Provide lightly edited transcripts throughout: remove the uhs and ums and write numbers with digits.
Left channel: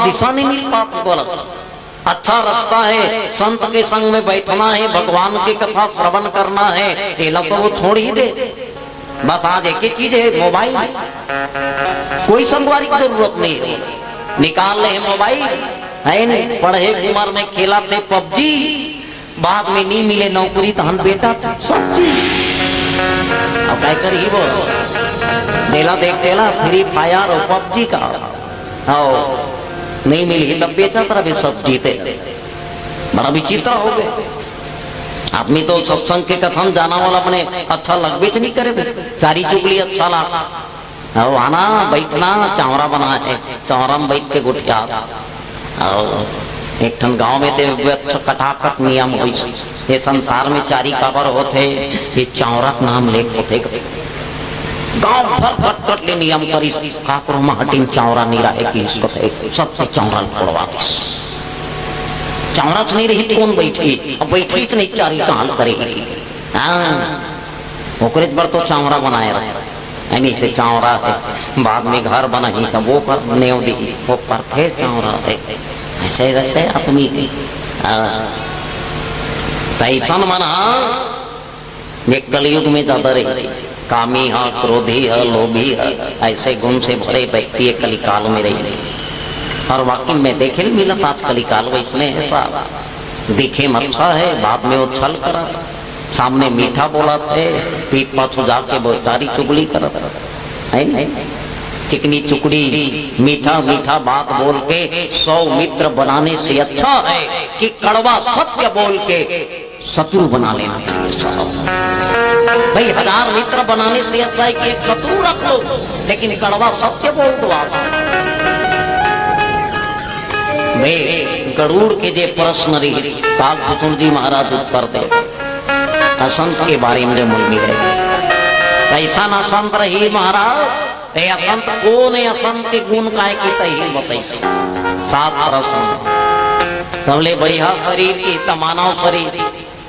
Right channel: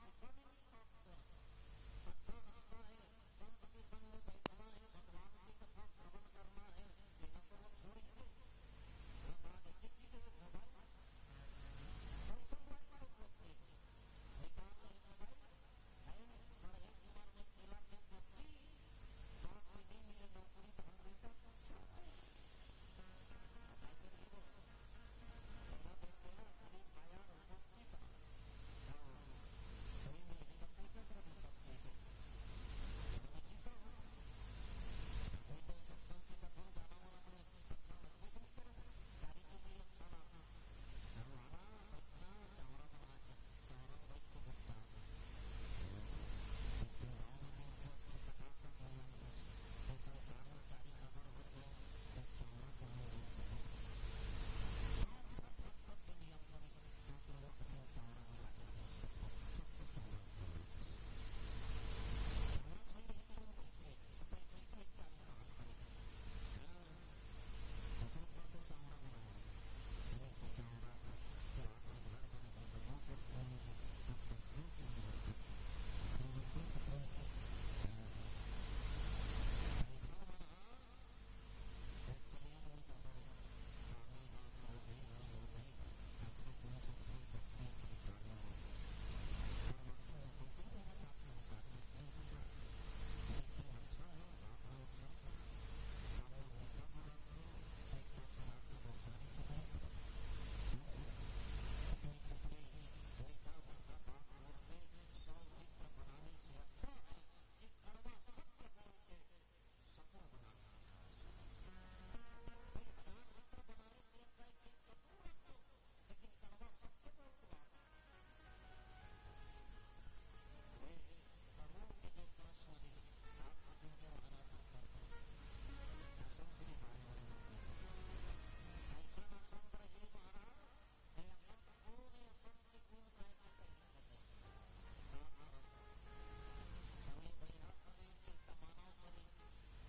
दिशा नहीं मिल पाती। बोला अच्छा रास्ता है, संत के संग में बैठना है, भगवान की कथा श्रवण करना है, ये लोग तो वो छोड़ ही दे। बस आज एक ही चीज है, मोबाइल। कोई संगवारी की जरूरत नहीं है, निकाल ले मोबाइल है नहीं। पढ़े उम्र में खेला थे पबजी, बाद में नहीं मिले नौकरी तो हम बेटा सब्जी। अब क्या करी वो मेला देख देला फ्री फायर और पबजी का, नहीं मिली तब बेचा तरह भी सब जीते। बड़ा विचित्र हो गए आदमी तो सत्संग के कथन जाना वाला अपने अच्छा लग बेच नहीं करे, चारी चुगली अच्छा लगा। आना बैठना चावरा बना है, चावरा में बैठ के गुटिया। एक ठन गांव में ते कटाकट नियम हो, ये संसार में चारी काबर होते, ये चावरा नाम लेख होते। गांव भर कट ले नियम करी, काकरो में हटिन चावरा नहीं रहे कि इसको सबसे चावरा पड़वाती। चावरा नहीं रही कौन बैठी, अब बैठी नहीं चारी कहां करेगी। ओकरे पर तो चावरा बनाए रहे नहीं से चावरा है, बाद में घर बनाई तब वो पर नेव दी, वो पर फिर चावरा है। ऐसे ऐसे आदमी तैसन मना ये कलयुग में ज्यादा रही, कामी है, क्रोधी है, लोभी है, ऐसे गुण से भरे व्यक्ति कलिकाल में रही। और वाकई में देखे मिला आज कलिकाल में ऐसा दिखे में अच्छा है, बाद में वो छल करा था, सामने मीठा बोला थे, पीठ पाछू जाके बोचारी चुगली करा था, है नहीं। चिकनी चुकड़ी मीठा मीठा बात बोल के 100 मित्र बनाने से अच्छा है कि कड़वा सत्य बोल के शत्रु बना लेना। भाई 1000 मित्र बनाने से अच्छा है कि एक शत्रु रख लो, लेकिन कड़वा सत्य बोल दो आप। गरुड़ के जे प्रश्न रही काकभूषण जी महाराज उत्तर दे, असंत के बारे में मूल मिले ऐसा न संत रही महाराज। असंत कौन है, असंत के गुण काय की तही बताई। 7 प्रश्न सबले बढ़िया शरीर की तमानव शरीर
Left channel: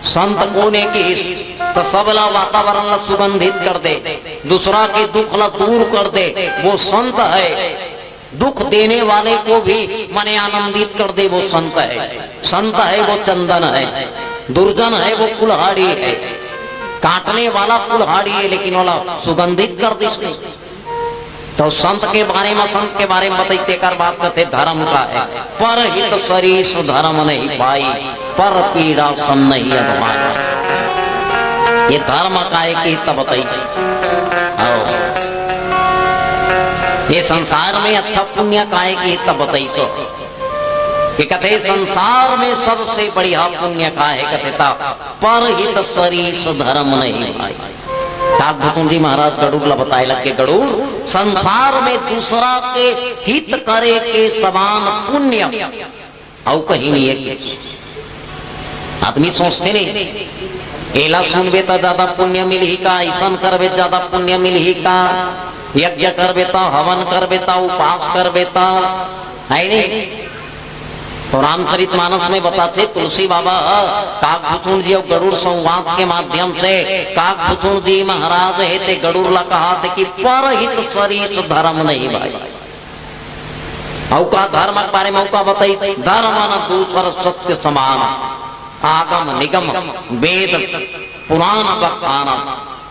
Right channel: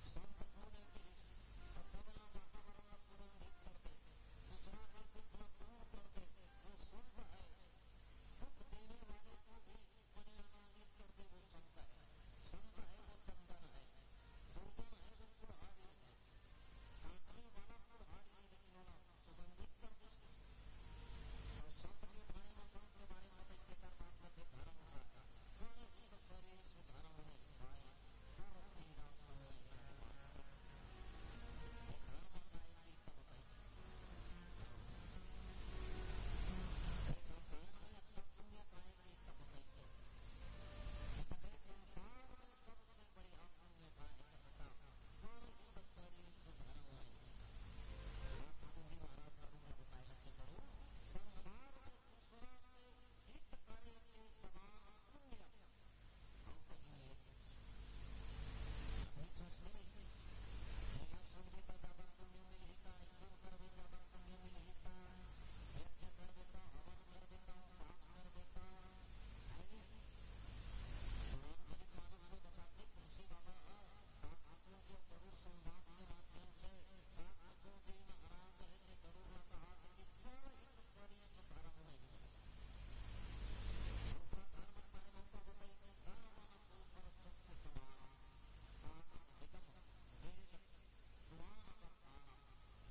संत कोने की तो सबला वातावरण ला सुगंधित कर दे, दूसरा के दुख ला दूर कर दे, वो संत है। दुख देने वाले को भी मने आनंदित कर दे, वो संत है। संत है वो चंदन है, दुर्जन है वो कुल्हाड़ी है। काटने वाला कुल्हाड़ी है लेकिन वाला सुगंधित कर दे। तो संत के बारे में, संत के बारे में बताइए कर बात करते धर्म का है। पर हित सरीस धर्म नहीं पाई, पर पीड़ा सम नहीं अगवाई। ये धर्म का है कि हित बताइए। ये संसार में अच्छा पुण्य का है कि हित बताइए। कि कहते संसार में सबसे बढ़िया पुण्य का है कहते था पर हित सरीस धर्म नहीं पाई। काकभूषण जी महाराज गरुड़ ला बताए लग के, गरुड़ संसार में दूसरा के हित करे के समान पुण्य और कहीं नहीं है। आदमी सोचते नहीं एला सुनबे तो ज्यादा पुण्य मिली का, ऐसा करबे ज्यादा पुण्य मिली का, यज्ञ करबे तो, हवन करबे तो, उपास करबे तो, है नहीं। तो रामचरित मानस में बताते तुलसी बाबा काकभूषण जी और गरुड़ संवाद के माध्यम से काकभूषण जी महाराज है ते गरुड़ ला कहा थे कि पर हित सरीस धर्म नहीं भाई। औका धर्म के बारे में औका बताई, धर्म न दूसर सत्य समान, आगम निगम वेद पुराण बखाना,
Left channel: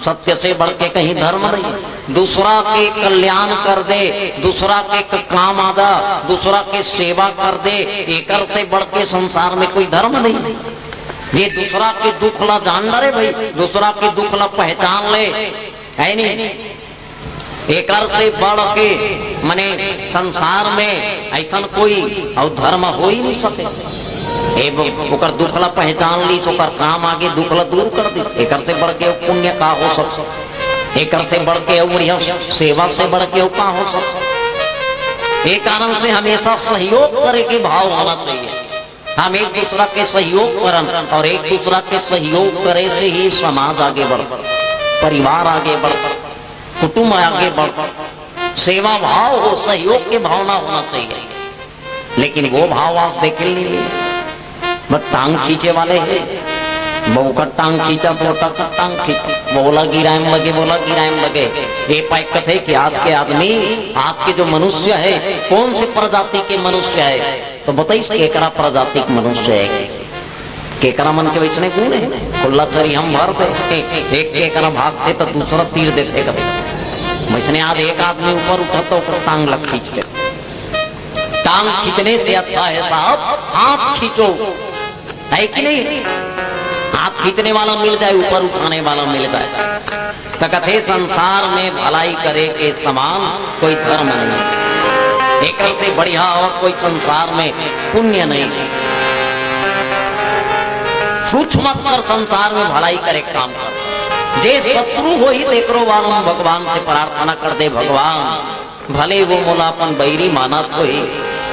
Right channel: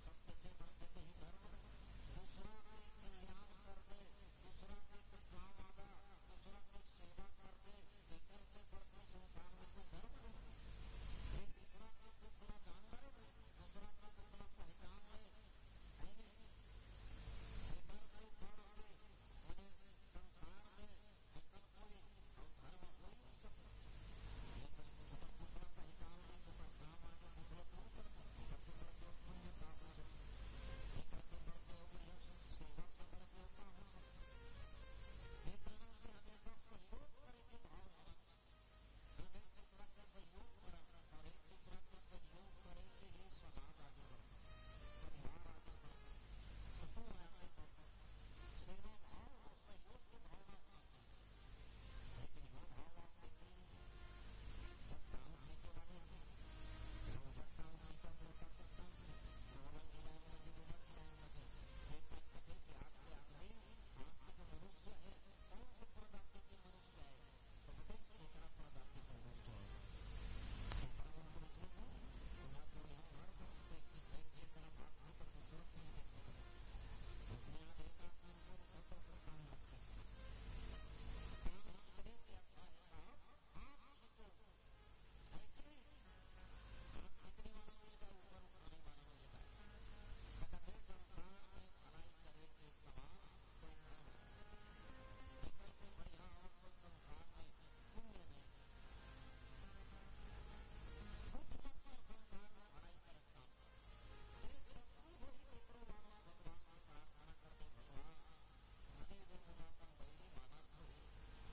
सत्य से बढ़ के कहीं धर्म नहीं। दूसरा के कल्याण कर दे, दूसरा के काम आ जा, दूसरा के सेवा कर दे, एक से बढ़ के संसार में कोई धर्म नहीं। ये दूसरा के दुख ला जान ले भाई, दूसरा के दुख ला पहचान ले, है नहीं। एक से बढ़ के मने संसार में ऐसा कोई और धर्म हो ही नहीं सके। ओकर दुख ला पहचान ली, ओकर काम आगे दुख ला दूर कर दी। एक से बढ़ के पुण्य का हो सब, एक से बढ़ के बढ़िया सेवा से बढ़ के का हो सब। एक कारण से हमेशा सहयोग करे के भाव होना चाहिए। हम एक दूसरा के सहयोग करन और एक दूसरा के सहयोग करे से ही समाज आगे बढ़ता, परिवार आगे बढ़ता, कुटुंब आगे बढ़ता। सेवा भाव हो, सहयोग के भावना होना चाहिए। लेकिन वो भाव आप देख नहीं, बस टांग खींचे वाले हैं। बहु का टांग खींचा तो का टांग खींचा, बोला गिराएम लगे, बोला गिराएम लगे। ये पाइक कथे कि आज के आदमी, आज के जो मनुष्य है, कौन से प्रजाति के मनुष्य है? तो बताइए केकरा प्रजाति के मनुष्य है, केकरा मन के वैसने कौन है? खुला चरी हम भर पे एक केकरा भागते तो दूसरा तीर देते कभी वैसने। आज एक आदमी ऊपर उठा तो टांग लग खींच ले। टांग खींचने से अच्छा है साहब हाथ खींचो, है कि नहीं? हाथ खींचने वाला मिल जाए, ऊपर उठाने वाला मिल जाए। तो कथे संसार में भलाई करे के समान कोई धर्म नहीं, एक से बढ़िया और कोई संसार में पुण्य नहीं। छूछ मत कर, संसार में भलाई करे काम कर। जे शत्रु हो ही देखरो वालों भगवान से प्रार्थना कर दे, भगवान भले वो मोलापन बैरी मानत होई,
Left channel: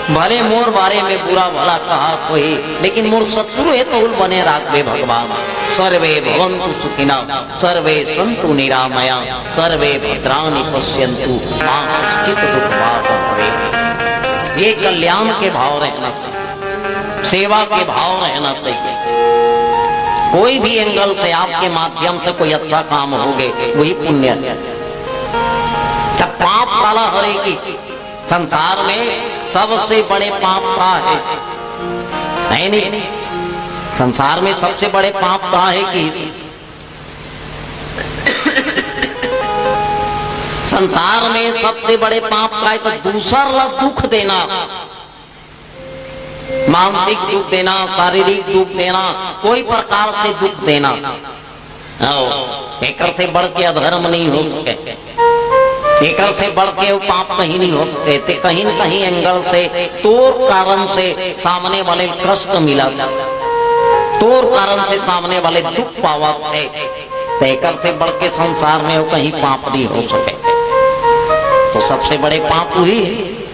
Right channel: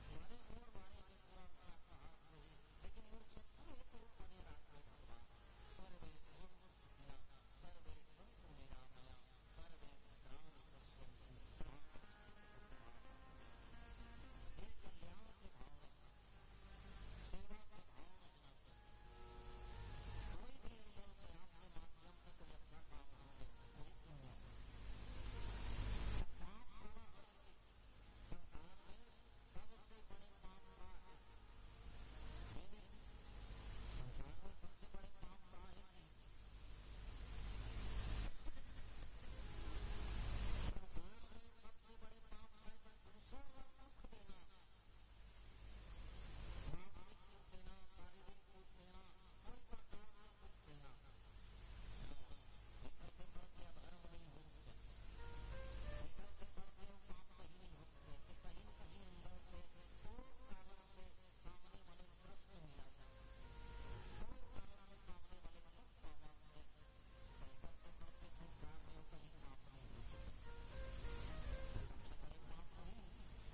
भले मोर बारे में बुरा भला कहा कोई, लेकिन मोर शत्रु है तो उल बने राखबे भगवान। सर्वे भवन्तु सुखिनः सर्वे सन्तु निरामया सर्वे भद्राणि पश्यन्तु मा कश्चित् दुःखभाग् भवेत्। ये कल्याण के भाव रहना चाहिए, सेवा के भाव रहना चाहिए। कोई भी एंगल से आपके माध्यम से कोई अच्छा काम होगे वही पुण्य है। तब पाप वाला हरेगी। संसार में सबसे बड़े पाप का है नहीं? संसार में सबसे बड़े पाप का है कि संसार में सबसे बड़े पाप का है तो दूसरा दुख देना, मानसिक दुख देना, शारीरिक दुख देना, कोई प्रकार से दुख देना। एक से बढ़ के अधर्म नहीं हो सके, एक से बढ़ के वो पाप कहीं नहीं हो सके थे। कहीं न कहीं एंगल से तोर कारण से सामने वाले कष्ट मिला था, तोर कारण से सामने वाले दुख पावा थे। एक से बढ़ के संसार में वो कहीं पाप नहीं हो सके। तो सबसे बड़े पाप हुई,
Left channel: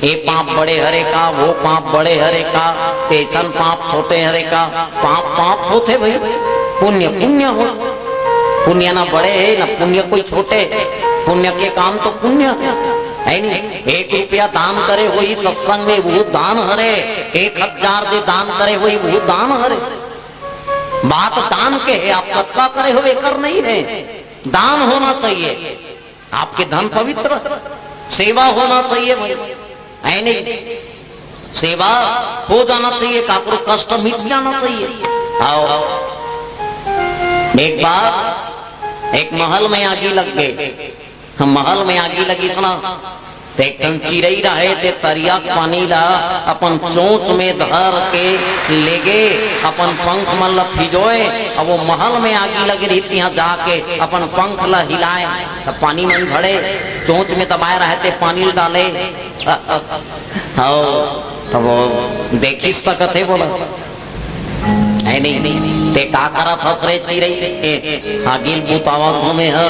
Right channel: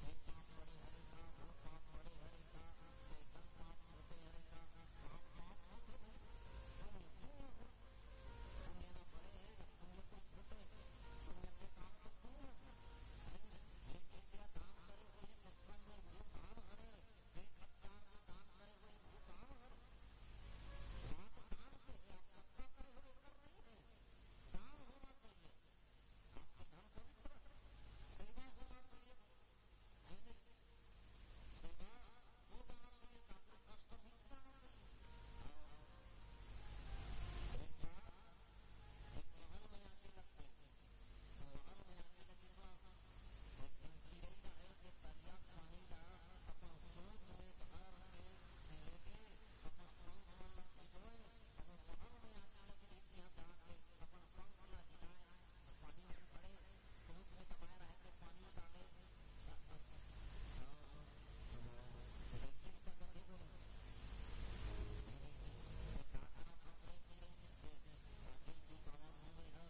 ये पाप बड़े हरे का, वो पाप बड़े हरे का, तेसन पाप छोटे हरे का। पाप पाप होते भाई, पुण्य पुण्य हो। पुण्य ना बड़े है ना पुण्य कोई छोटे, पुण्य के काम तो पुण्य है नहीं। 1 रुपया दान करे वही सत्संग में वो दान हरे, 1000 दे दान करे वही वो दान हरे। बात दान के है, आप तत्का करे हुए कर नहीं है। दान होना चाहिए, आपके धन पवित्र, सेवा होना चाहिए भाई, है नहीं? सेवा हो जाना चाहिए, काकरो कष्ट मिट जाना चाहिए। आओ एक बार एक महल में आगी लग गए। हम महल में आगी लगी सुना, एक चिड़ई रहे थे तरिया पानी ला अपन चोंच में धर के ले गए, अपन पंख मन ला फिजोए। अब वो महल में आगी लगी रही थी, यहाँ जाके अपन पंख ला हिलाए, तब पानी मन झड़े, चोंच में दबाए रहे थे, पानी डाले। तब वो देखिस तक थे बोला है नहीं ते का करा था रे चिड़ई आगिल बुतावा में है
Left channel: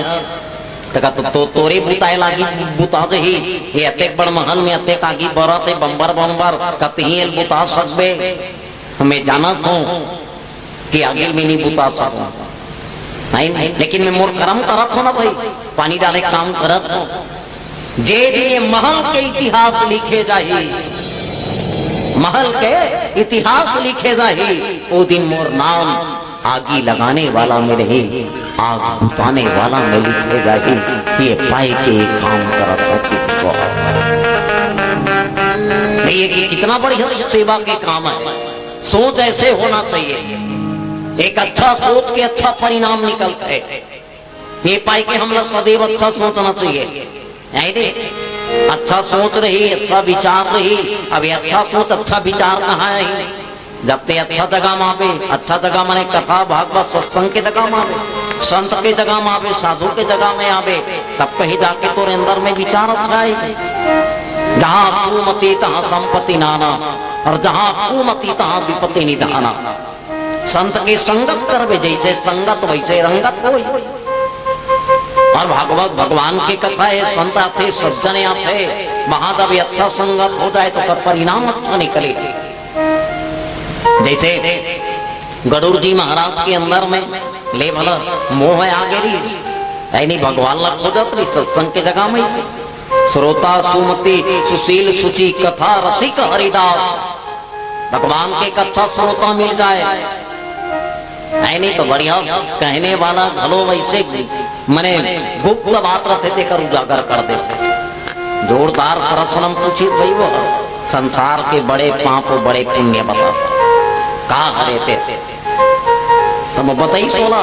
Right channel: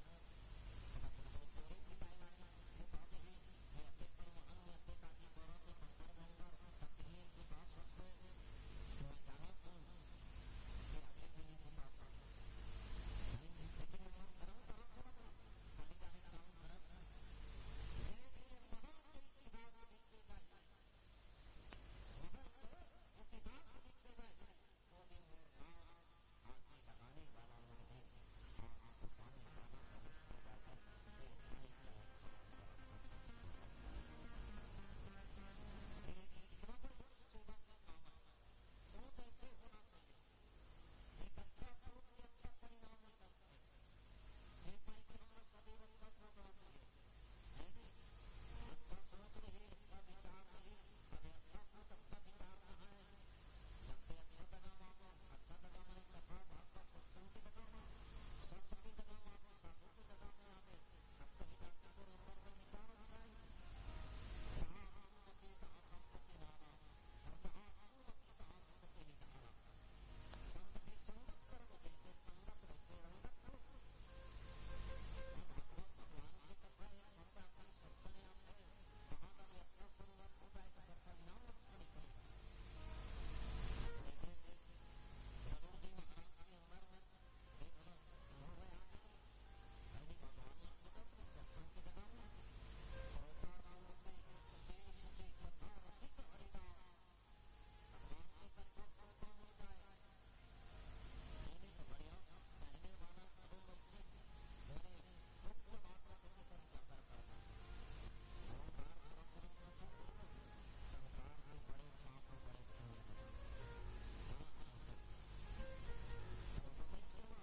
तो तोरे बुताए लागी बुता दे ही ये अतेक बड़ महल में अतेक आगी बरते बम्बर बम्बर कतही एल बुता सकबे। हमें जानत हूं कि आगे में नहीं बुता सकूं, नहीं लेकिन मैं मोर कर्म करत हो ना भाई, पानी डाले काम करत हो। जे जे महल के इतिहास लिखे जाही, महल के इतिहास लिखे जाही, वो दिन मोर नाम आगी लगाने वाला में रही, आग बुताने वाला में लिखे जाही। ये पाए के काम करत ये कितना बढ़िया सेवा के काम है। सोच ऐसे होना चाहिए, एक अच्छा सोच के अच्छा परिणाम निकलता है। ये पाए के हम लोग सदैव अच्छा सोचना चाहिए, अच्छा सोच रही, अच्छा विचार रही। अब अच्छा सोच अच्छा विचार कहाँ है? जब ते अच्छा जगह में आवे, अच्छा जगह माने कथा भागवत सत्संग के जगह में आवे, संत के जगह में आवे, साधु के जगह में आवे, तब कहीं जाके तोरे अंदर में विचार अच्छा है। जहाँ सुमति तहाँ संपत्ति नाना, और जहाँ कुमति तहाँ विपत्ति निधाना। संत की संगत करवे, जैसे संगत वैसे रंगत होई। और भागवत भगवान की कथा है, संत आते सज्जन आते, महादेव अच्छा संगत हो जाए तो परिणाम अच्छा निकले। जैसे गरुड़ जी महाराज के अंदर में ले भला मोह आ गई, नहीं भगवान लग हो जाती सत्संग के जगह में। श्रोता सुमति सुशील सुचि कथा रसिक हरिदास, भगवान के अच्छा श्रोता मिल जाए नहीं तो बढ़िया कहने वाला भलो वैसे मने गुप्त बात रहते देकर उजागर कर देते। जोरदार प्रश्न पूछी भाई वो संसार के बड़े पाप और बड़े पुण्य बता कहा हरे थे तो बताई सोना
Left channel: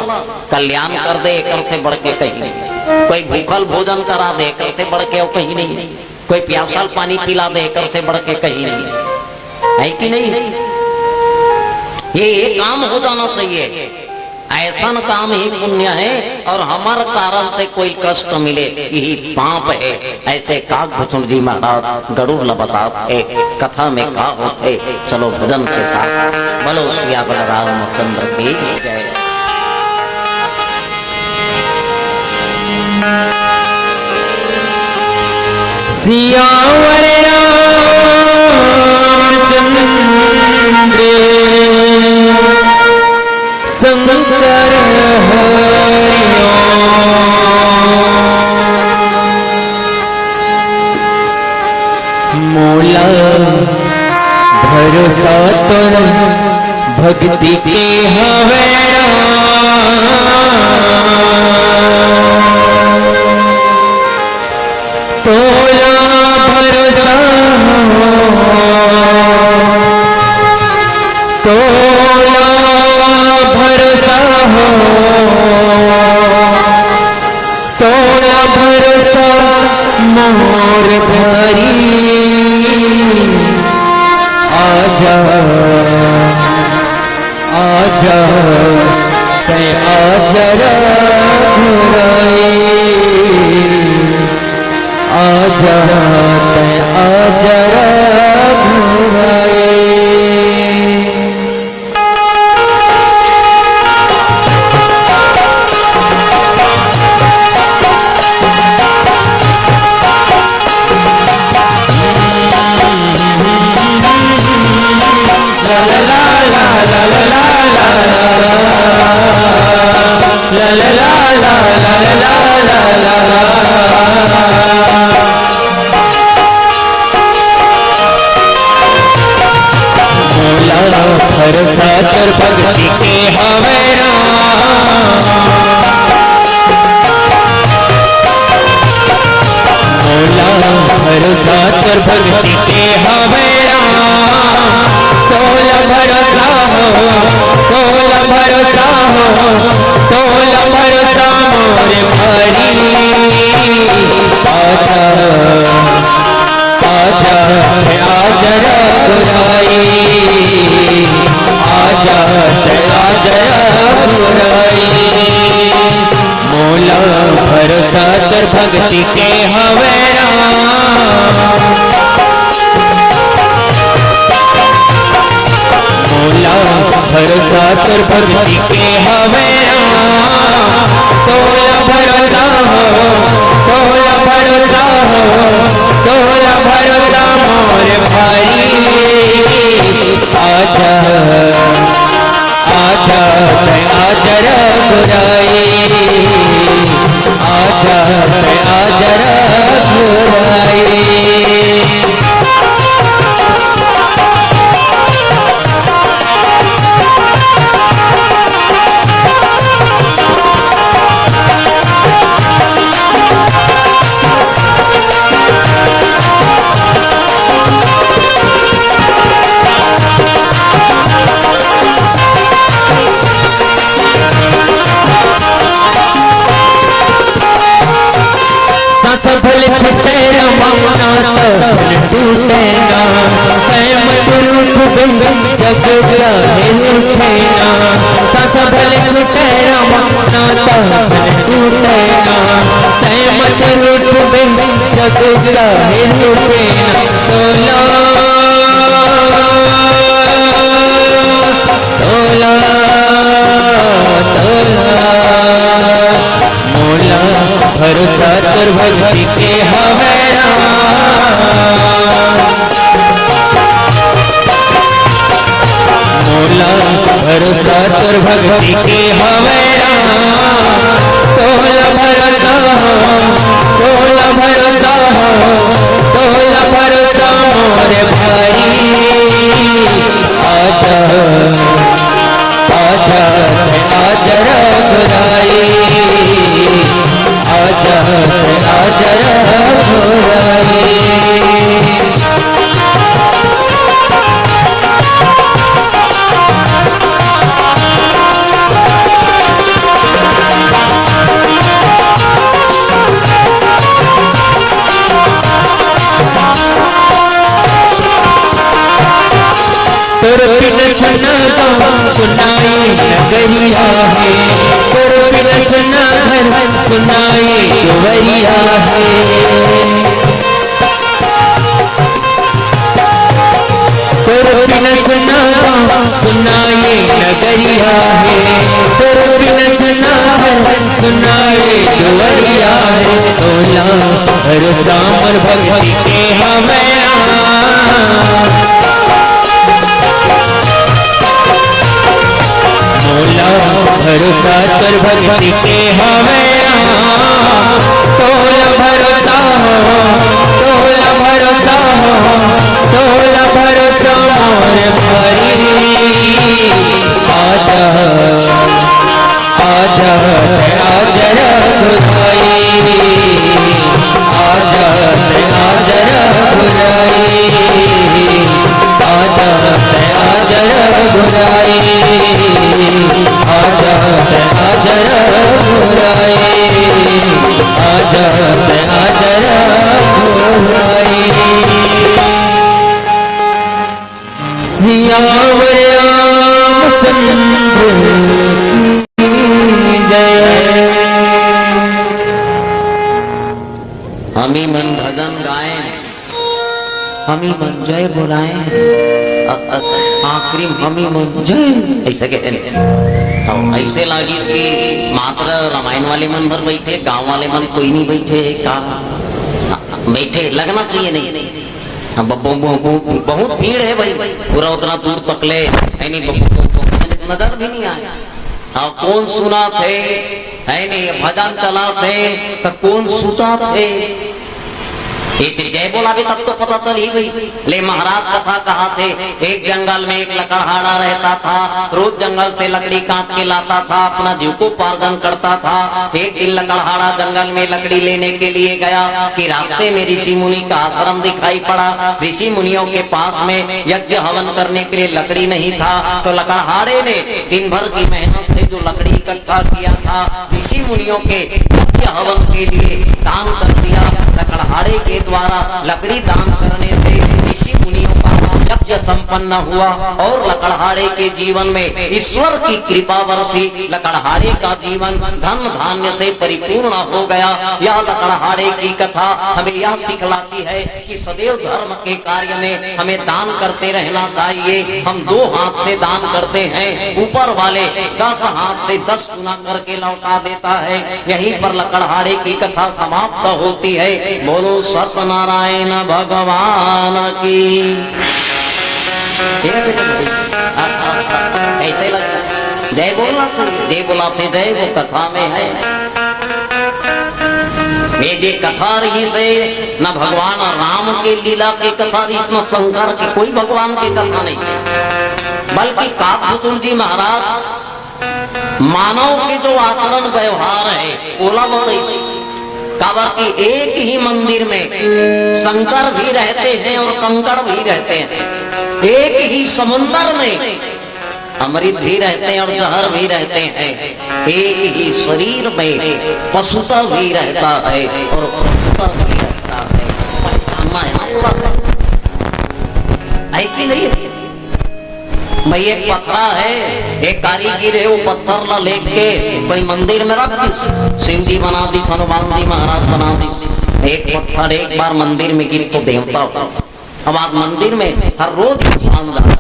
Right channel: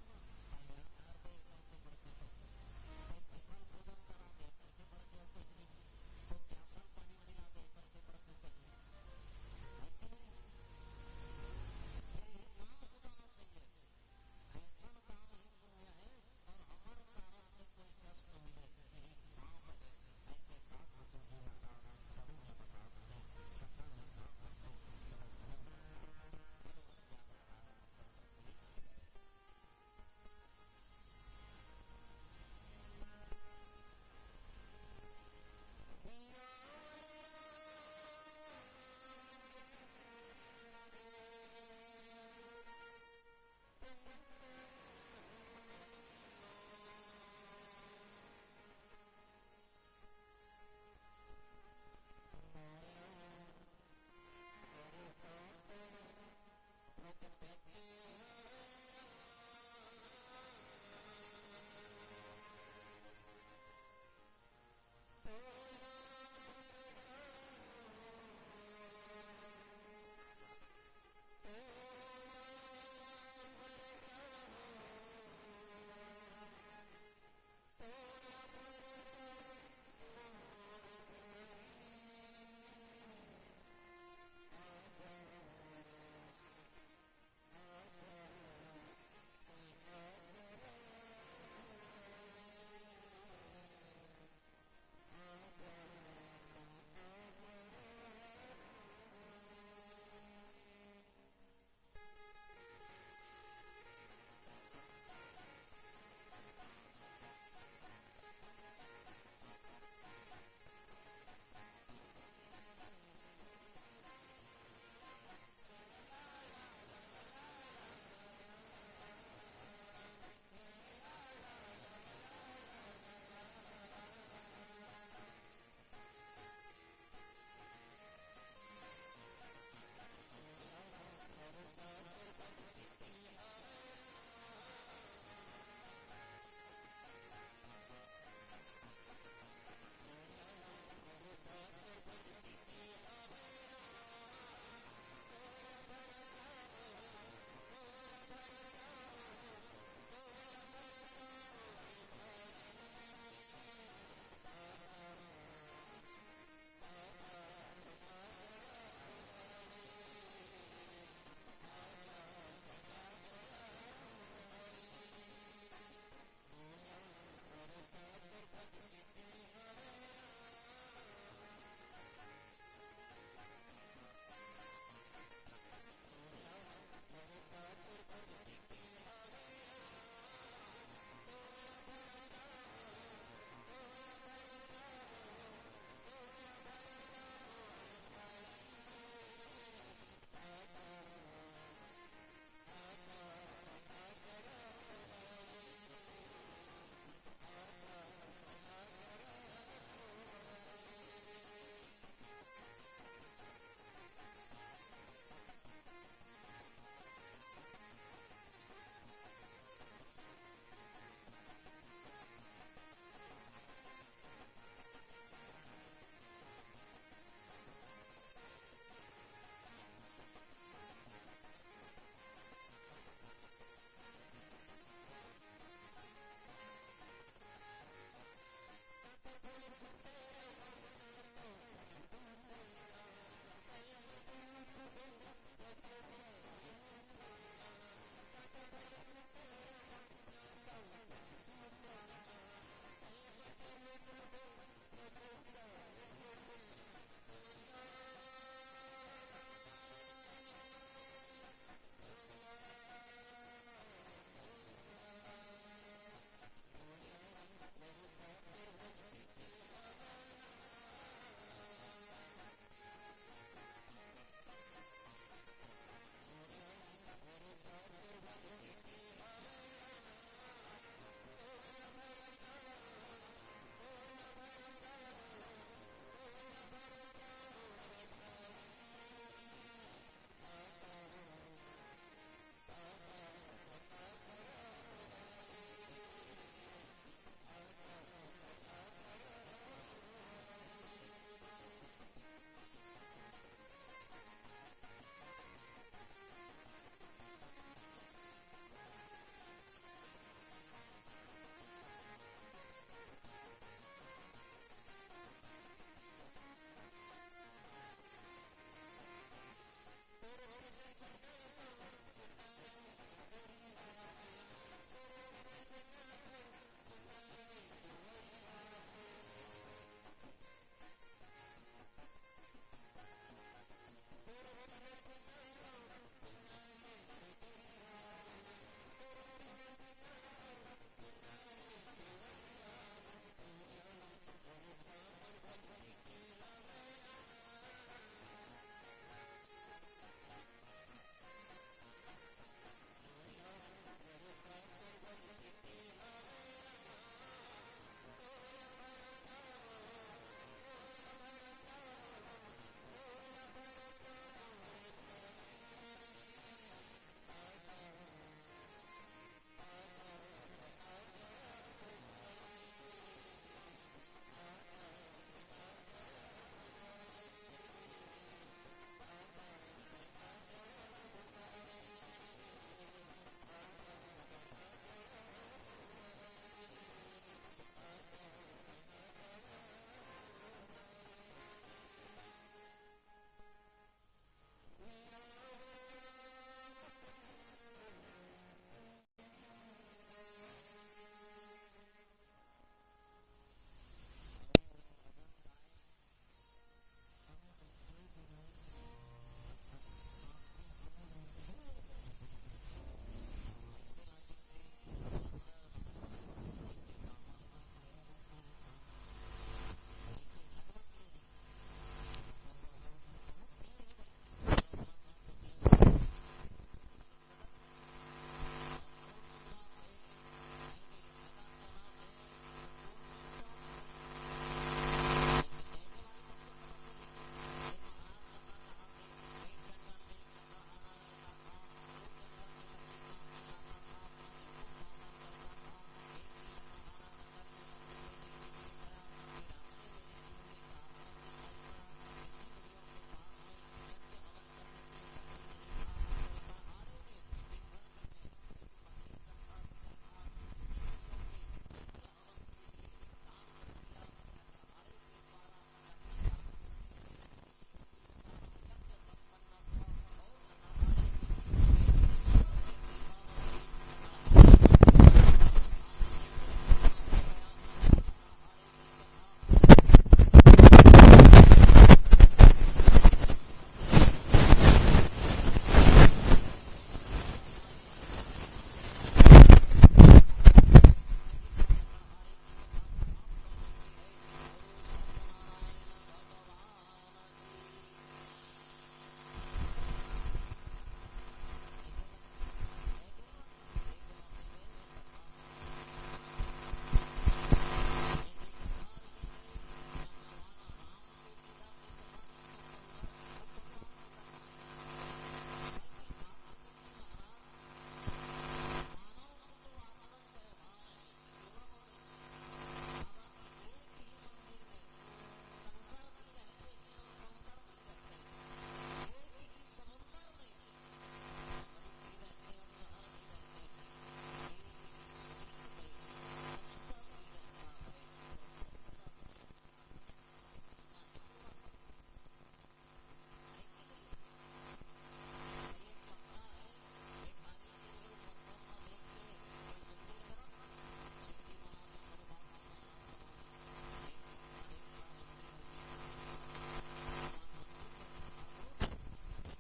कल्याण कर दे कर से बढ़ के कहीं नहीं। कोई भूखल भोजन करा दे कर से बढ़ के और कहीं नहीं। कोई प्यासल पानी पिला दे कर से बढ़ के कहीं नहीं है कि नहीं। ये काम हो जाना चाहिए। ऐसा काम ही पुण्य है और हमारे कारण से कोई कष्ट मिले यही पाप है। ऐसे काकभूषण जी महाराज गरुड़ बताते कथा में का होते। चलो भजन के साथ बोलो सिया रामचंद्र की जय। सियावर शंकर मोला भरोसा तो भक्ति के हवे तोला भरोसा तोला भरोसा तोला भरोसा मोर भरी आजा आजा ते आजा रघुराई आजा ते आजा रघुराई। भरोसा कर भक्ति के हवे मोला भरोसा कर भक्ति के हवे तोला भरोसा हो तोला भरोसा हो तोला भरोसा मोरे भरी आजा आजा आजा रघुराई आजा आजा रघुराई मोला भरोसा कर भक्ति के हवे मोला भरोसा कर भक्ति के हवे तोला भरोसा हो तोला भरोसा हो तोला भरोसा मोरे भाई आजा आजा आजा रघुराई आजा आजा रघुराई। सफल छटे रमाना टूटेगा कैमत रूप जग उठेगा सफल छटे रमाना टूटेगा कैमत रूप जग उठेगा तोला तोला तोला मोला भरोसा कर भक्ति के हवे मोला भरोसा कर भक्ति के हवे तोला भरोसा हो तोला भरोसा हो तोला भरोसा मोरे भाई आजा आजा सुनाए नगरिया है, कर बिलसना घर सुनाए दुवरिया है। कर बिलसना सुनाए नगरिया है, कर बिलसना घर सुनाए दुवरिया है। तोला भरोसा मोर भक्ति के हमें मोला भरोसा कर भक्ति के हमें तोला भरोसा हो, तोला भरोसा हो, तोला भरोसा मोर भरी। आजा आजा आजा रघुराई, आजा आजा रघुराई, आजा आजा रघुराई, आजा आजा रघुराई, आजा आजा रघुराई। सियावर रामचंद्र जय। हमी मन भजन गाए, हमी मन जय बुलाए, आखिरी हमी मन जय ऐसे कहते हैं। ऐसे लागी इसकी मात्र रामायण वाले मन भर बैठे, गांव वाले मन कोई नहीं बैठे। का बैठे लगना चाहिए नहीं। बहुत भीड़ है भाई, पूरा उतना दूर तक ले नजर भी नहीं आया। हाँ, कौन सुना थे है नहीं, भजन चला थे तो कौन सुता थे। जय बोला भी तब तो पता चल ही गई। ले महाराज कथा कहा थे, एक जंगल में एक लकड़हारा रहता था, रोज जंगल से लकड़ी काट के लाता था, अपना जीविकोपार्जन करता था। एक दिन लकड़हारा जंगल में लकड़ी लेने के लिए गया कि रास्ते में ऋषि मुनि का आश्रम दिखाई पड़ा। ऋषि मुनियों के पास में यज्ञ हवन करने के लिए लकड़ी नहीं था, तो लकड़हारे ने दिन भर की मेहनत से जो लकड़ी इकट्ठा किया था ऋषि मुनियों के यज्ञ हवन के लिए दान कर दिया। लकड़हारे के द्वारा लकड़ी दान करने से ऋषि मुनियों का यज्ञ संपन्न हुआ और लकड़हारे के जीवन में ईश्वर की कृपा बरसी। लकड़हारे का जीवन धन धान्य से परिपूर्ण हो गया। यह लकड़हारे की कथा हमें यह सिखलाती है कि सदैव धर्म के कार्य में हमें दान करते रहना चाहिए। हम 2 हाथ से दान करते हैं, ऊपर वाले 10 हाथ से 10 गुना करके लौटा देता है। यहीं पर लकड़हारे की कथा समाप्त होती है। बोलो सत्यनारायण भगवान की। ऐसे लगता जय बोलना चाहिए, जय बोलाते जय वो कथा में है। ये जे कथा रही से न भगवान राम के लीला की कथा रही, न शंकर की, कोई भगवान की कथा नहीं, बल्कि काकभूषण जी महाराज मानव के जो आचरण व्यवहार है ओला बताइए। काबर की एक ही मंदिर में शंकर भी रहते हैं और कंकड़ भी रहते हैं। एक ही समुन्द्र में अमृत भी रहते हैं और जहर भी रहते हैं। एक ही शरीर में पशुता भी रहता है और पशुता भी रहता है। पहचानना है अल्लाह है कि नहीं है? भाई एक पत्थरा है, एक कारीगर है, वो पत्थर ला लेके कोई मंदिर में रख दी, शिव जी बना दी, हनुमान जी महाराज बना दी। एक पत्थर एक बार मंदिर में गिर तो देवता होता। अब आप मंदिर में हर रोज इंसान जाता,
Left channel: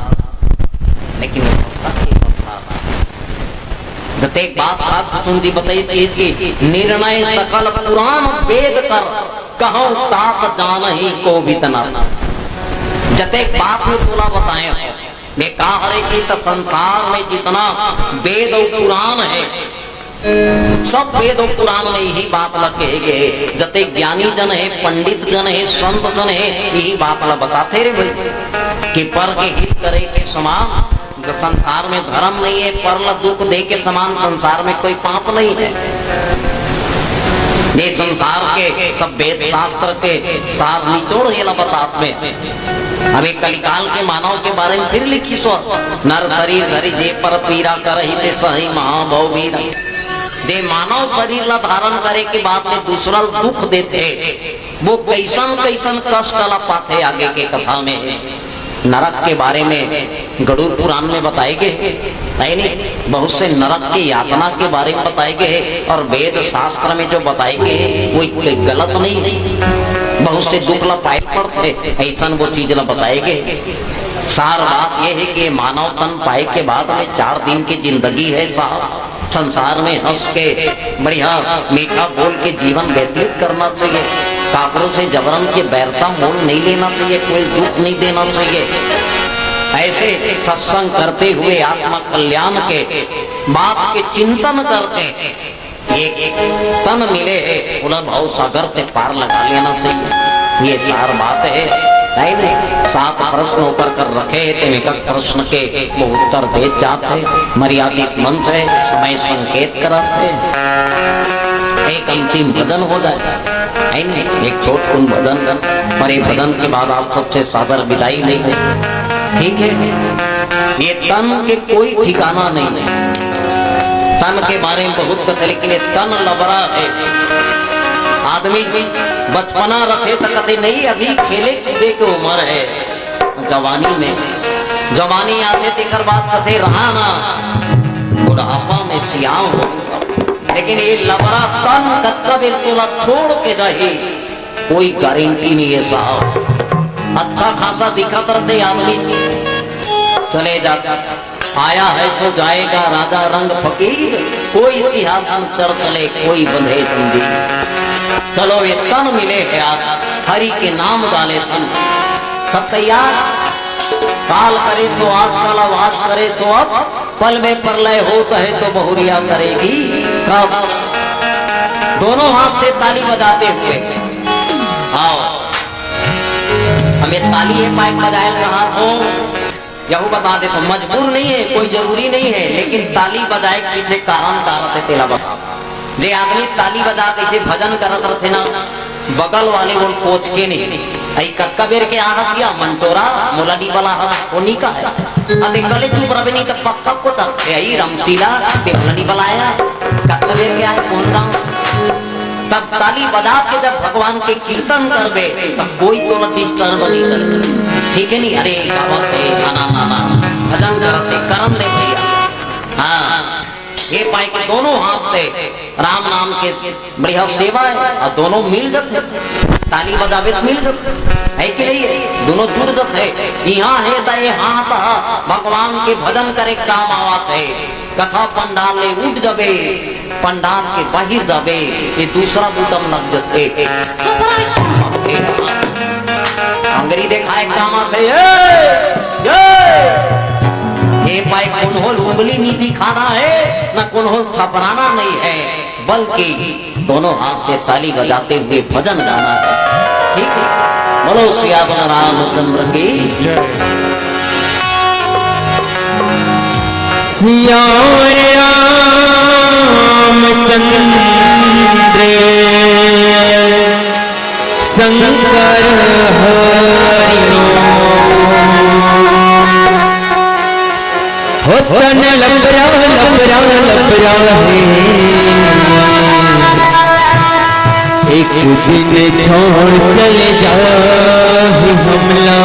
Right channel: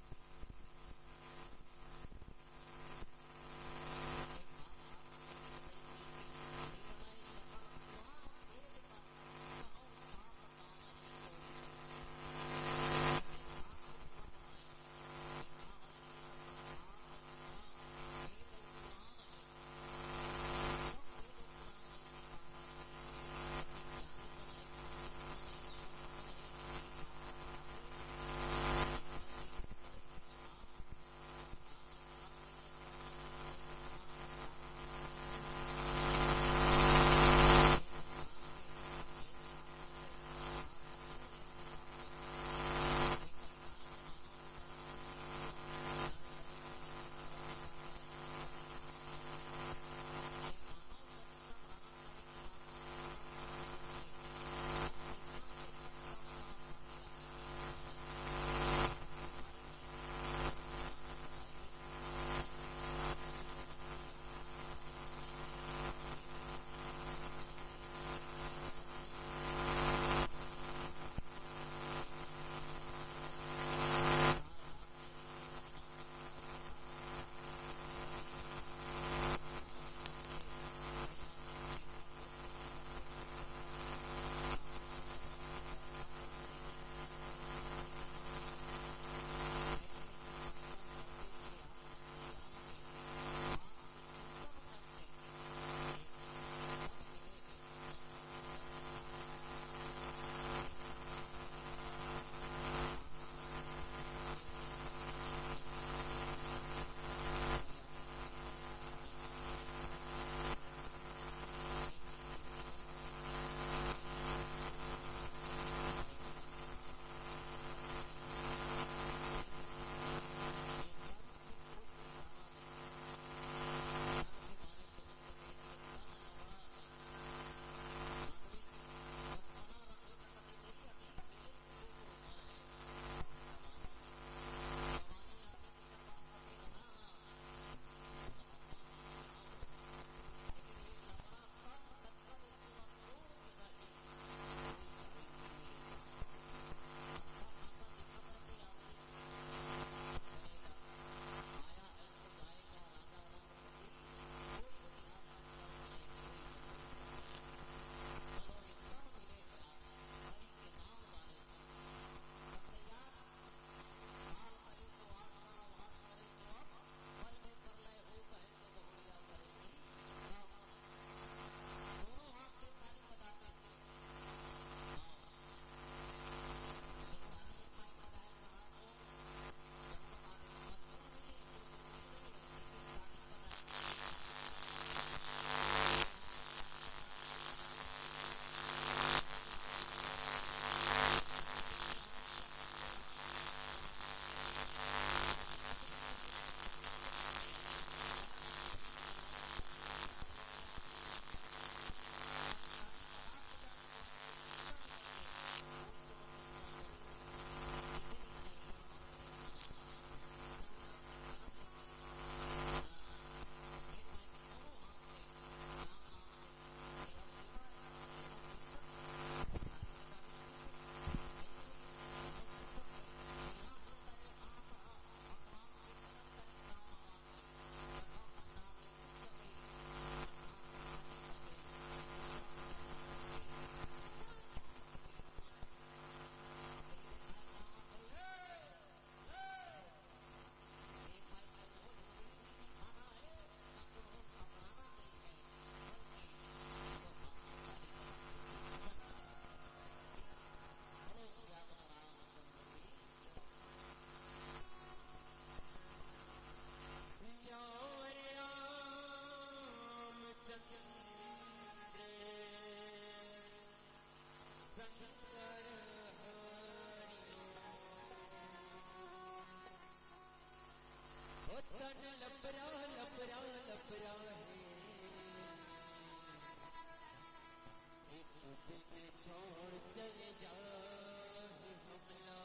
लेकिन एक बात आप जी बताइए कि निर्णय सकल पुराण वेद कर कहो तात जान ही को भी तना। जते बात में बोला बताए कहा कि तो संसार में जितना वेद और पुराण है सब वेद और पुराण में यही बात लगे गए। जते ज्ञानी जन है, पंडित जन है, संत जन है, यही बात ला बताते रे भाई कि पर के हित करे के समान जो संसार में धर्म नहीं है, पर दुख दे के समान संसार में कोई पाप नहीं है। ये संसार के सब वेद शास्त्र के सार निचोड़ हेला बतात में। अभी कलिकाल के मानव के बारे में फिर लिखी सो नर शरीर धरी जे पर पीरा करही ते सही महाभव वीर। जे मानव शरीर ला धारण करे के बाद में दूसरा दुख देते वो कैसन कैसन कष्ट ला पाते आगे के कथा में। नरक के बारे में गरुड़ पुराण में बताए गए है नहीं। बहुत से नरक की यातना के बारे में बताए गए और वेद शास्त्र में जो बताए गए वो गलत नहीं। बहुत से दुख ला पाए पड़ते ऐसा वो चीज ला बताए गए। सार बात यह है कि मानव तन पाए के बाद में 4 दिन की जिंदगी है साहब। संसार में हंस के बढ़िया मीठा बोल के जीवन व्यतीत करना चाहिए। काकरों से जबरन के बैरता मोल नहीं लेना चाहिए, कोई दुख नहीं देना चाहिए। ऐसे सत्संग करते हुए आत्मा कल्याण के बात के चिंतन करते एक तन मिले बोला भाव सागर से पार लगा लेना चाहिए। ये सार बात है। नहीं 7 प्रश्न ऊपर कर रखे तुम एक प्रश्न के वो उत्तर दे जाते। मर्यादित मंच है, समय संकेत करते। एक अंतिम भजन हो जाए, एक छोटकुन भजन और एक भजन के बाद आप सबसे सादर विदाई लेंगे। ठीक है, ये तन के कोई ठिकाना नहीं है। तन के बारे में बहुत कथे, लेकिन ये तन लबरा है। आदमी बचपना रखे तो कथे नहीं, अभी खेले कूदे की उम्र है। जवानी में जवानी आते तेकर बात कथे रहा ना, बुढ़ापा में सियाम हो। लेकिन ये लबरा तन कत्ता बिल्कुल छोड़ के जाए कोई गारंटी नहीं है साहब। अच्छा खासा दिखत रहते आदमी चले जाता, आया है सो जाएगा राजा रंग फकीर। कोई सिंहासन चढ़ चले कोई बंधे जंजीर। चलो ये तन मिले है आज, हरि के नाम डाले तन। सब तैयार, काल करे तो आज कल, आवाज करे तो अब। पल में प्रलय होता है तो बहुरिया करेगी कब। दोनों हाथ से ताली बजाते हुए आओ। हमें ताली है माइक बजाए कहा हो, यह बता दे तो मजबूर नहीं है, कोई जरूरी नहीं है। लेकिन ताली बजाए पीछे कारण कारते तेला बता। जे आदमी ताली बजा कैसे भजन करत रहते ना, बगल वाले वो पोछ के नहीं आई कक्का बेर के आहसिया मंटोरा मुलाडी वाला हस कोनी का है। अते गले चुप रहे नहीं तो पक्का को चलते आई रमशीला ते मुलाडी वाला आया कक्का बेर के आए कौन दा। तब ताली बजा के जब भगवान के कीर्तन करबे तब कोई तो डिस्टर्ब नहीं करे। ठीक है नहीं, अरे गावत है ना ना ना भजन करते करम दे भैया। हाँ, ये पाए के दोनों हाथ से राम नाम के बढ़िया सेवा है और दोनों मिल जाते। ताली बजावे मिल जाते है कि नहीं है, दोनों जुड़ जाते। यहाँ है तो ये हाथ भगवान के भजन करे काम आवत है। कथा पंडाल ले उठ जावे, पंडाल के बाहर जावे, ये दूसरा बूटम लग जाते। अंग्रेजी देखाए काम आते ये पाए कौन हो उंगली नहीं दिखाना है ना कौन हो थपराना नहीं है, बल्कि दोनों हाथ से ताली बजाते हुए भजन गाना है। ठीक है, बोलो सियावर रामचंद्र की सियावर रामचंद्र शंकर हो तन लबरा लबरा लबरा है। एक दिन छोड़ चले जाए हमला।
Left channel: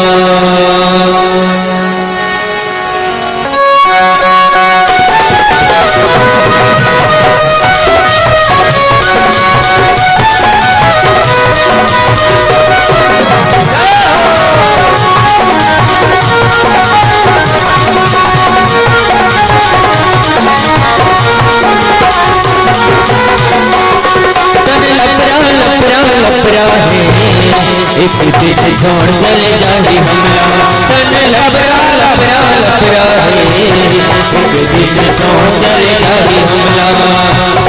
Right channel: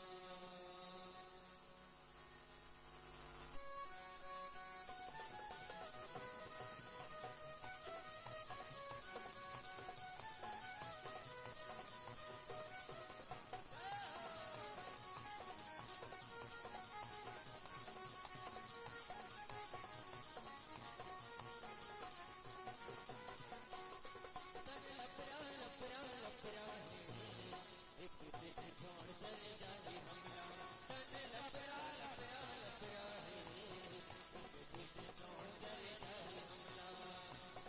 एक दिन छोड़ चले जाए हमला। तन लबरा लबरा लबरा है। एक दिन छोड़ चले जाए हमला।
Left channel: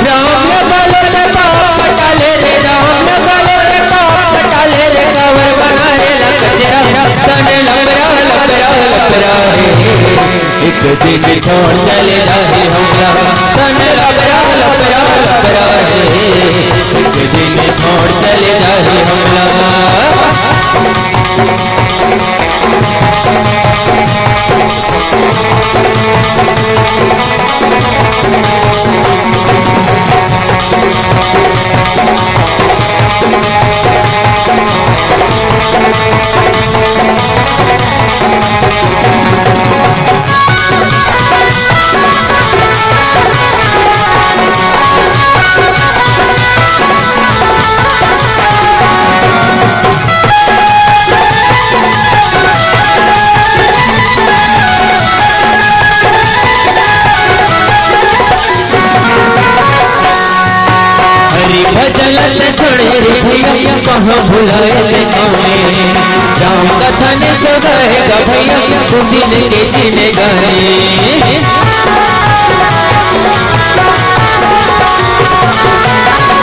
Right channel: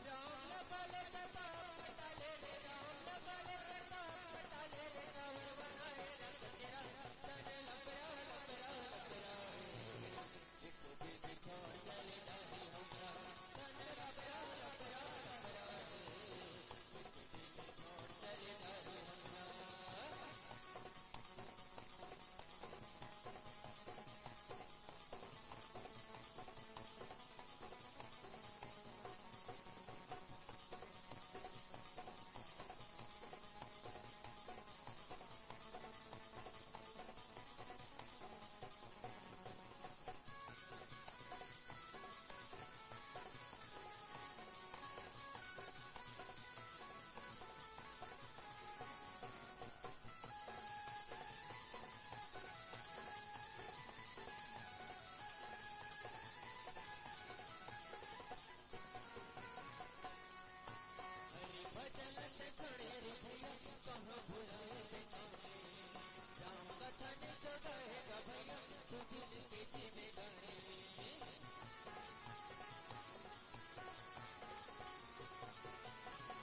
राम लगाले रे पाप डाले रे, राम लगाले रे पाप डाले रे, कवर बनाए लकजरा। तन लबरा लबरा लबरा है। एक दिन छोड़ चले जाए हमला। तन लबरा लबरा लबरा है। एक दिन छोड़ चले जाए हमला। भैया तू दिन के जीने गाने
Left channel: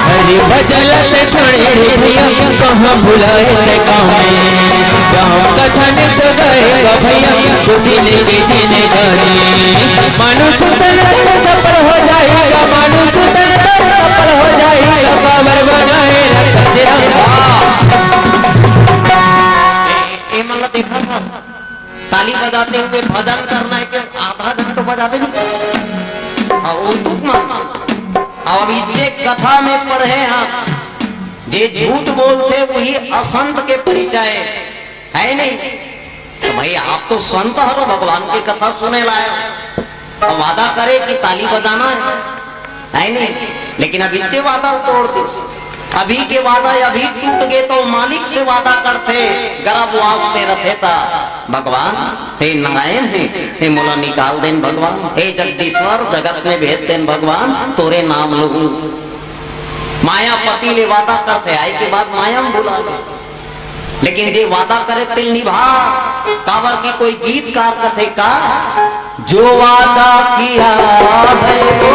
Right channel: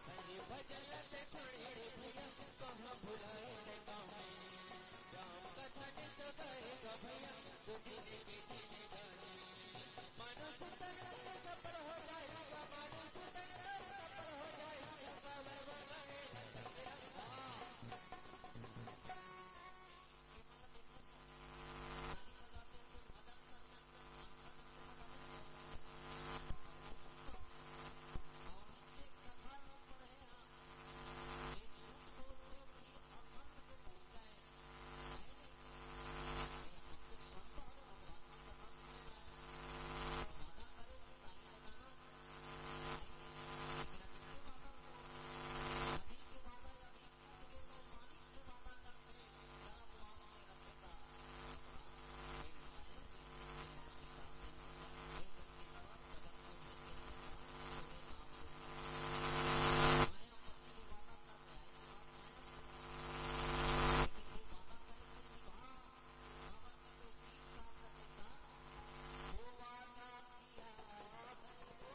हरि भजन से छोड़े भैया कहाँ भुलाए रे गाँव में गाँव कथन तो गाएगा भैया तू दिन के जीने गाने मानुष तन सफल हो जाएगा मानुष तन सफल हो जाएगा काबर बनाएगा तेरा ये मतलब देखा था ताली बजाते हुए भजन करना है कि आधा जन तो बजावे नहीं और वो दुख मानना। अब ये कथा में पढ़े आप जे झूठ बोलते वही असंत के परिचय है नहीं। तो भाई आप तो संत हो भगवान की कथा सुने लाए और वादा करे कि ताली बजाना है नहीं, लेकिन अभी से वादा तोड़ दे। अभी के वादा अभी टूट गए तो मालिक से वादा करते गर्भ वास्ते रथे था भगवान हे नारायण हे मोला निकाल देन भगवान हे जगदीश्वर जगत में भेद देन भगवान तोरे नाम लोगू मायापति ले वादा करते आए के बाद माया में बुला गए। लेकिन जे वादा करे तिल निभा कावर की कोई गीतकार कथे का जो वादा किया है वो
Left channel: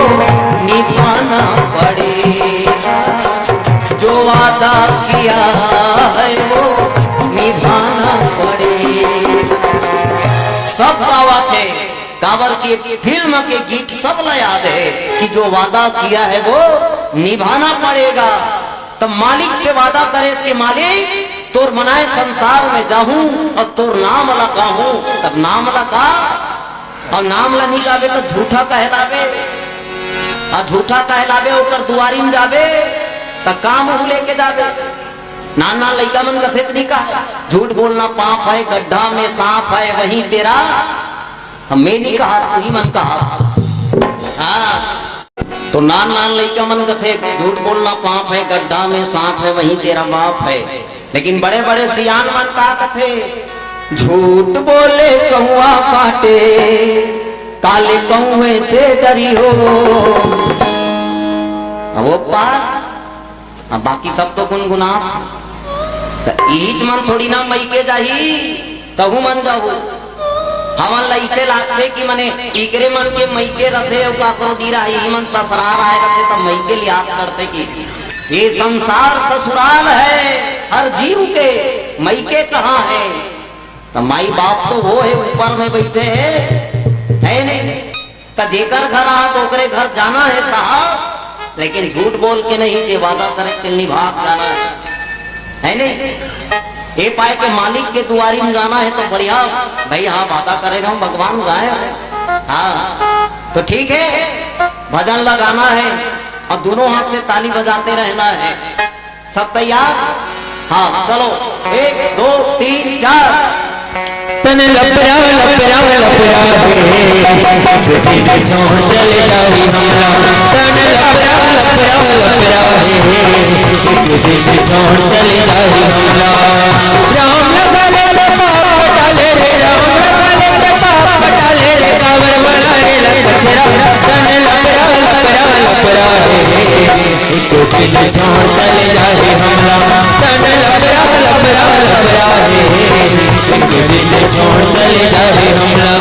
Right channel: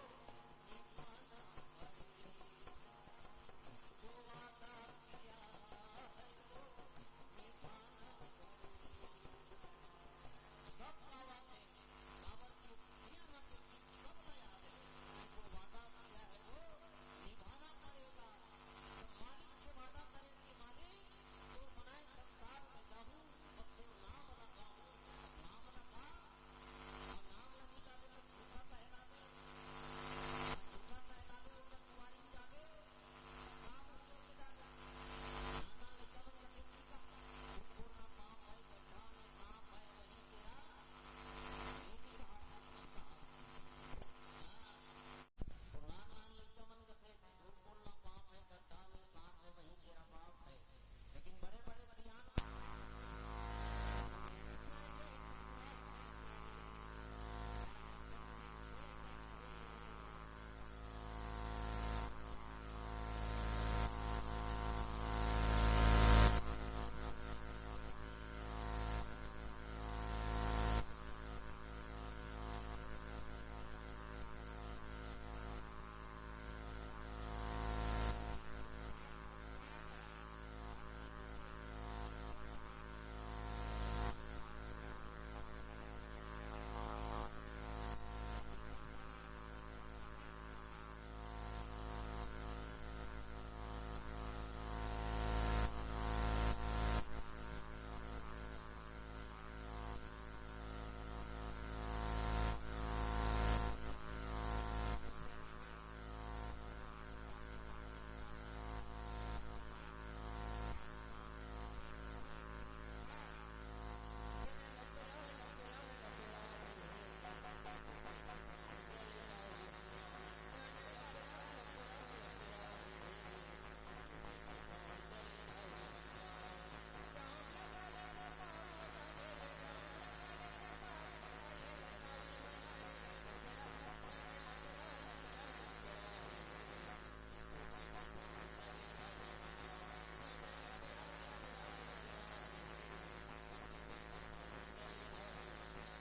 निभाना पड़ेगा जो वादा किया है वो निभाना पड़ेगा। सब गावा थे कावर की फिल्म के गीत सब याद है कि जो वादा किया है वो निभाना पड़ेगा। तब मालिक से वादा करे कि मालिक तोर मनाए संसार में जाऊं और तोर नाम लगाऊं। तब नाम लगा और नाम ला नहीं गावे तो झूठा कहलावे और झूठा कहलावे होकर दुआरी में जावे तो काम लेके जावे। नाना लड़का मन कथित नहीं कहा झूठ बोलना पाप है गड्ढा में सांप है वही तेरा मैं नहीं कहा तू ही मन कहा। हाँ तो नान नान लड़का मन कथे झूठ बोलना पाप है गड्ढा में सांप है वही तेरा बाप है। लेकिन बड़े बड़े सियान मन कहा कथे झूठ बोले कौआ काटे काले कौए से डरी हो। अब वो पार अब बाकी सब तो गुनगुना ईच मन थोड़ी ना मई के जाही कहू मन जाहू हमन लइसे लागथे कि मने इकरे मन के मई के रथे और का को दी रही मन ससुराल आए रथे तब मई के याद करते कि ये संसार ससुराल है हर जीव के मई के कहाँ है। तो माई बाप तो वो है ऊपर में बैठे है नहीं तो जेकर घर आ तो ओकरे घर जाना है साहब। लेकिन झूठ बोल के नहीं ये वादा करे कि निभाग जाना है नहीं ये पाए के मालिक के दुआरी में जाना है तो बढ़िया भाई हाँ वादा करे रहा हूँ भगवान गाए हाँ तो ठीक है भजन लगाना है और दोनों हाथ से ताली बजाते रहना है। सब तैयार हाँ चलो 1 2 3 4 तन लपरा लपरा लपरा चले जाही हमला तन लपरा लपरा लपरा चले जाही हमला राम लगा ले पाप डाले रे राम लगा ले पाप डाले रे कावर बनाए लपरा तन लपरा लपरा लपरा एक दिन छोड़ चले जाही हमला तन लपरा लपरा लपरा एक दिन छोड़ चले जाही हमला।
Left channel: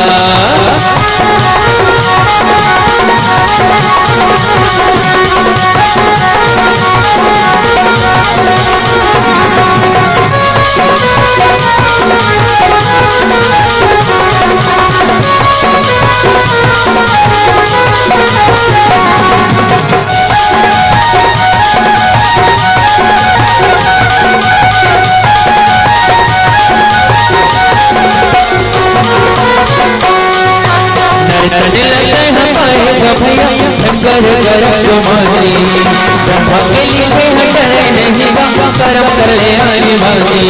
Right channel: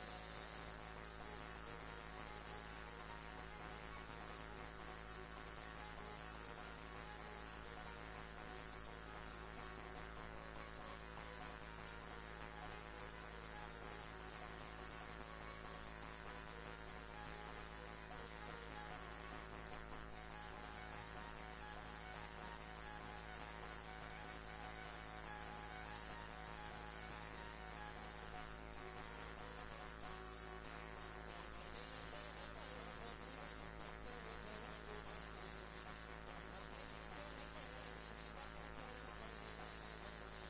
कर्म कर ले आनी भागी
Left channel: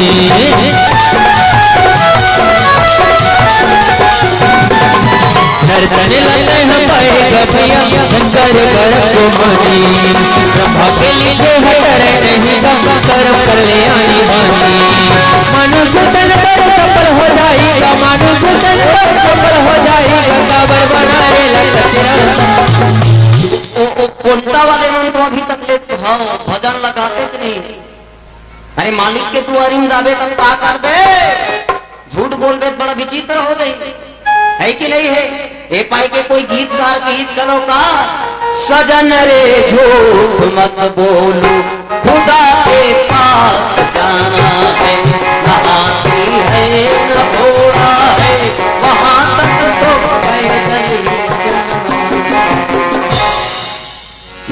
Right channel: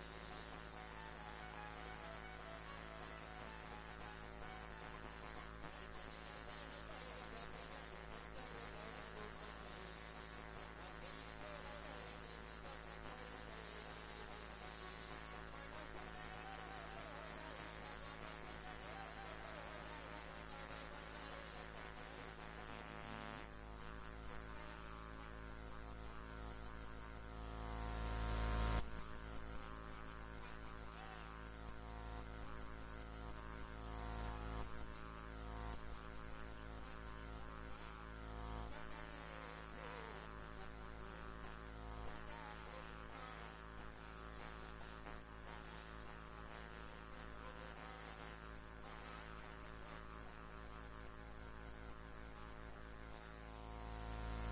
नरतन लगे हम पाएगा भैया कर कर को मानी ब्रह्मा के लिए हटरे नहीं कर्म कर ले आनी भागी मनुष्य तन पर सफल हो जाएगा मनुष्य तन पर सफल हो जाएगा काबर बनाए लगा कोंटा वाले मन तो अभी तक ले भजन लगाते नहीं। अरे मालिक के दुआरी में जाबे तब का करबे झूठ बोलबे तो बड़ा विचित्र हो गई है कि नहीं है। ए पाई के कोई गीतकार की इस करो का सजन रे झूठ मत बोलो खुदा के पास जाना है, नहाती है न घोड़ा है वहां तक तो पैदल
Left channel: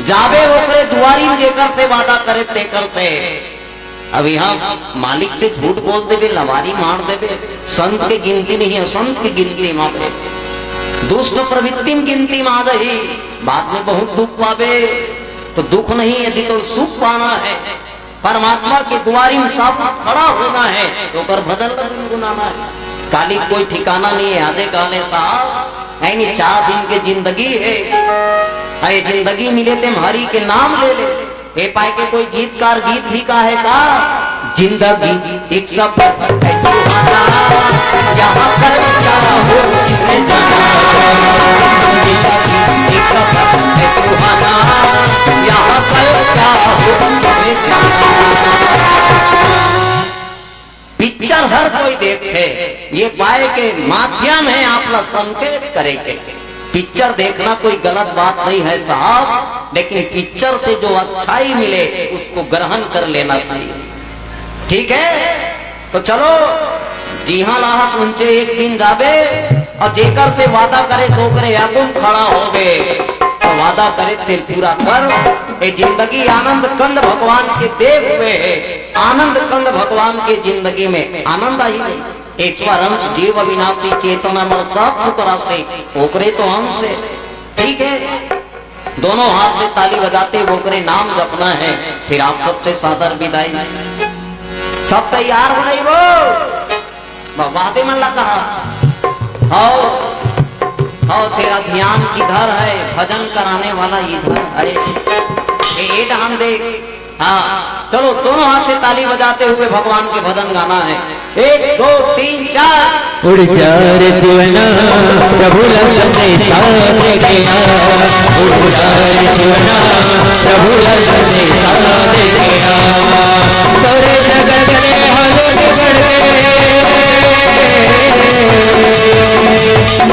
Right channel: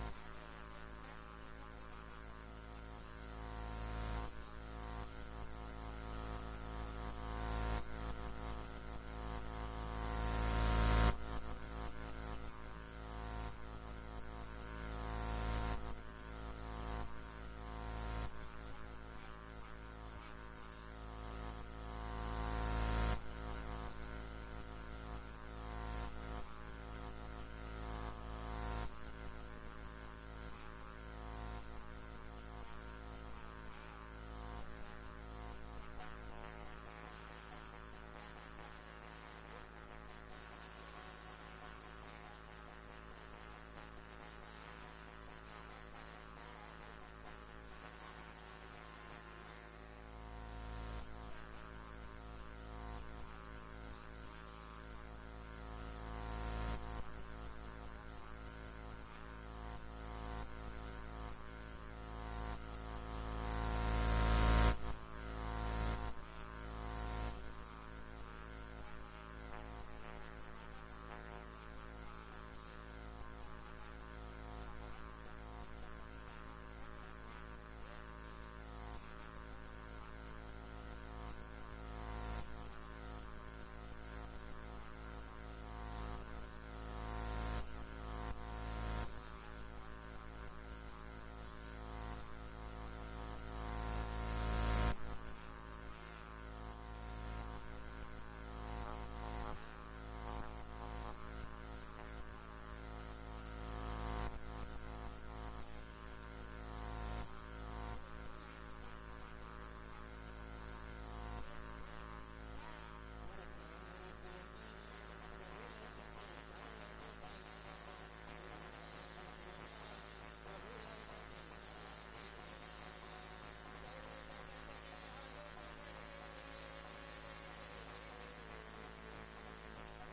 जावे ओकरे दुआरी में जेकर से वादा करे तेकर से। अब यहाँ मालिक से झूठ बोल देवे, लवारी मार देवे, संत की गिनती नहीं है, संत की गिनती मारे दुष्ट प्रवृत्ति में गिनती में आ रही, बाद में बहुत दुख पावे। तो दुख नहीं यदि तो सुख पाना है, परमात्मा के द्वारी में सब खड़ा होना है तो कर भजन गुनाना है। काली कोई ठिकाना नहीं है। आधे काले साहब यानी 4 दिन की जिंदगी है, अरे जिंदगी मिले ते हरि के नाम ले ले। ए पाए के कोई गीतकार गीत भी का है का जिंदगी एक सब यहाँ कर क्या हो किसने जाना, यहाँ कर क्या हो किसने जाना। पिक्चर हर कोई देखे, ये पाए के माध्यम है आप लोग संकेत करेंगे। पिक्चर देखना कोई गलत बात नहीं है साहब, लेकिन पिक्चर से जो अच्छाई मिले उसको ग्रहण कर लेना चाहिए, ठीक है। तो चलो जी हाँ लाहा सुनचे एक दिन जाबे और जेकर से वादा करे सो करे याकुम खड़ा हो गए तो वादा करे तेल पूरा कर। ए जिंदगी आनंद कंद भगवान के देव हुए है, आनंद कंद भगवान के जिंदगी में आनंद आई है। ईश्वर अंश जीव अविनाशी चेतना मन सब सुतरासे ओकरे तो अंश है, ठीक है। दोनों हाथ से ताली बजाते ओकरे नाम जपना है। फिर आप सबसे सादर विदाई, सब तैयार हो रही वो वादे मन लगा आओ तेरा ध्यान किधर है, भजन कराने वाला इधर। अरे ये ध्यान दे, हाँ चलो दोनों हाथ से ताली बजाते हुए भगवान के भजन गाना है। 1 2 3 4 उड़ जा रे सुवना प्रभु ला संदेशा दे गया, उड़ जा रे सुवना प्रभु ला संदेशा दे गया। तोरे नगर के हालो बिगड़ गए,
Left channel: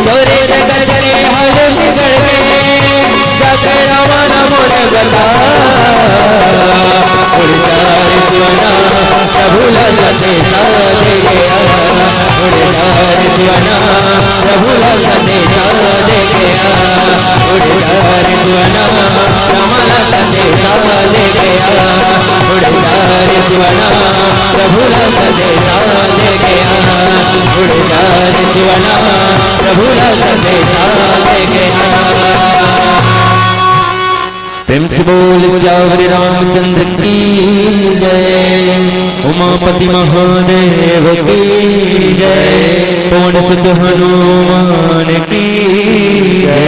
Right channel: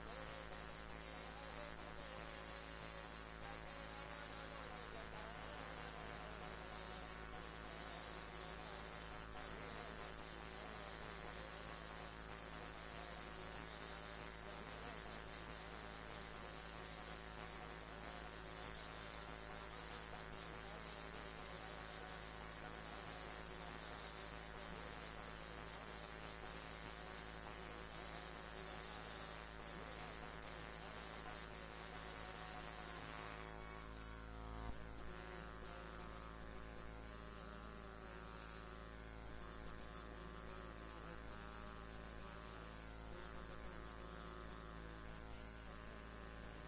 तोरे नगर के हालो बिगड़ गए, जाके रावण मोर गला। उड़ जा रे सुवना प्रभु ला संदेशा दे गया, उड़ जा रे सुवना प्रभु ला संदेशा दे गया, उड़ जा रे सुवना राम ला संदेशा दे गया, उड़ जा रे सुवना प्रभु ला संदेशा दे गया, उड़ जा रे सुवना प्रभु ला संदेशा दे गया। प्रेम से बोल श्यावरी रामचंद्र की जय, उमापति महादेव की जय, पवन सुत हनुमान की जय।